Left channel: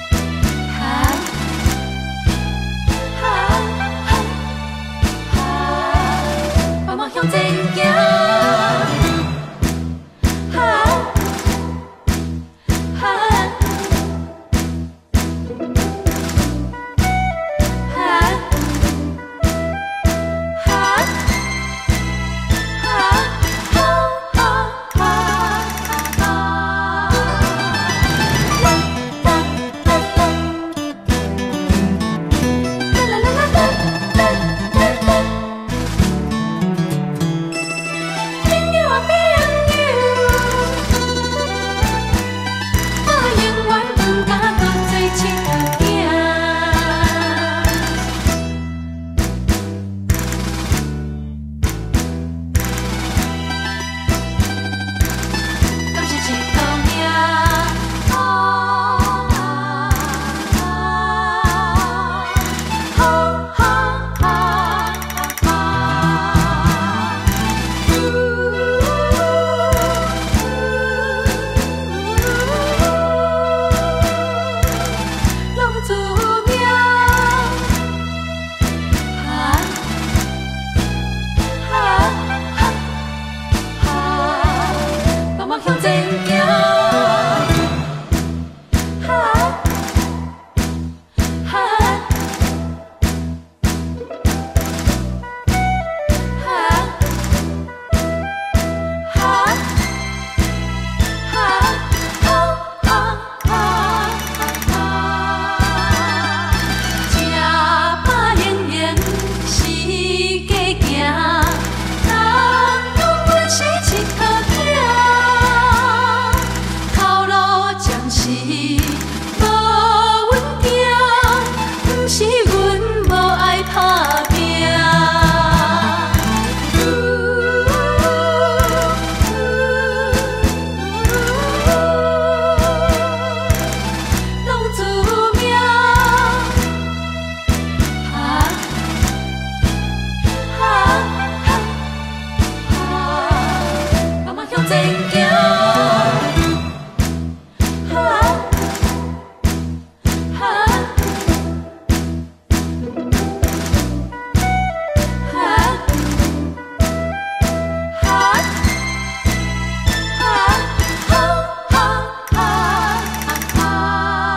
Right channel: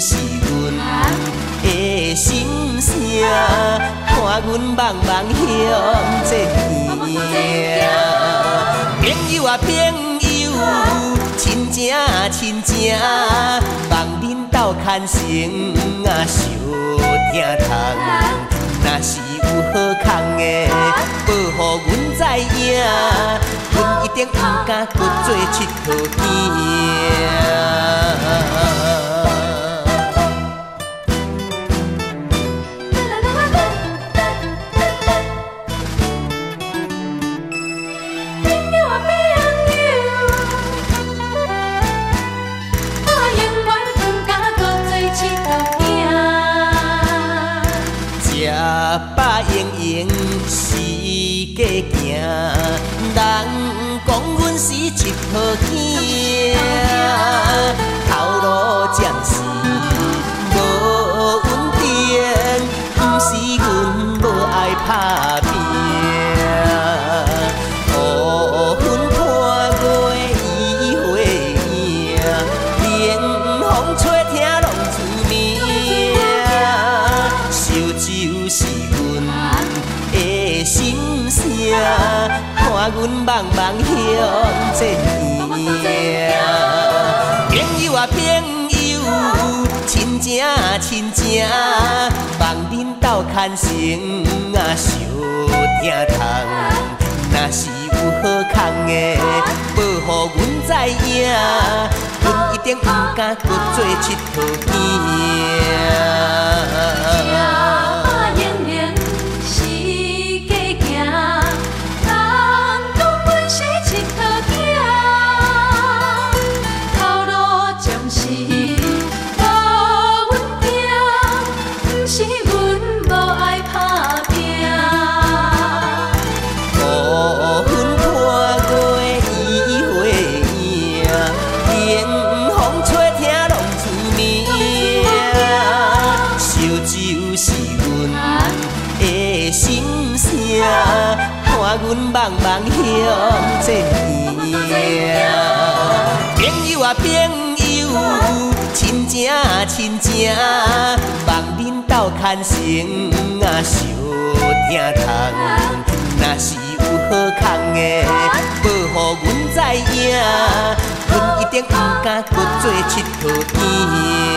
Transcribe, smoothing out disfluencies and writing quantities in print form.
是阮的心声，看阮茫茫向这行。朋友啊朋友，亲情亲情，望恁斗牵成啊相疼痛。若是有好康的，报予阮知影，阮一定有敢去做佚佗园。牵成啊相疼痛，若是有好康的，报予阮知影，阮一定有敢去做佚佗园。阮茫茫向这行，朋友啊朋友，亲情亲情，望恁斗牵成啊相疼痛。若是有好康的，报予阮知影，阮一定有敢去做佚佗园。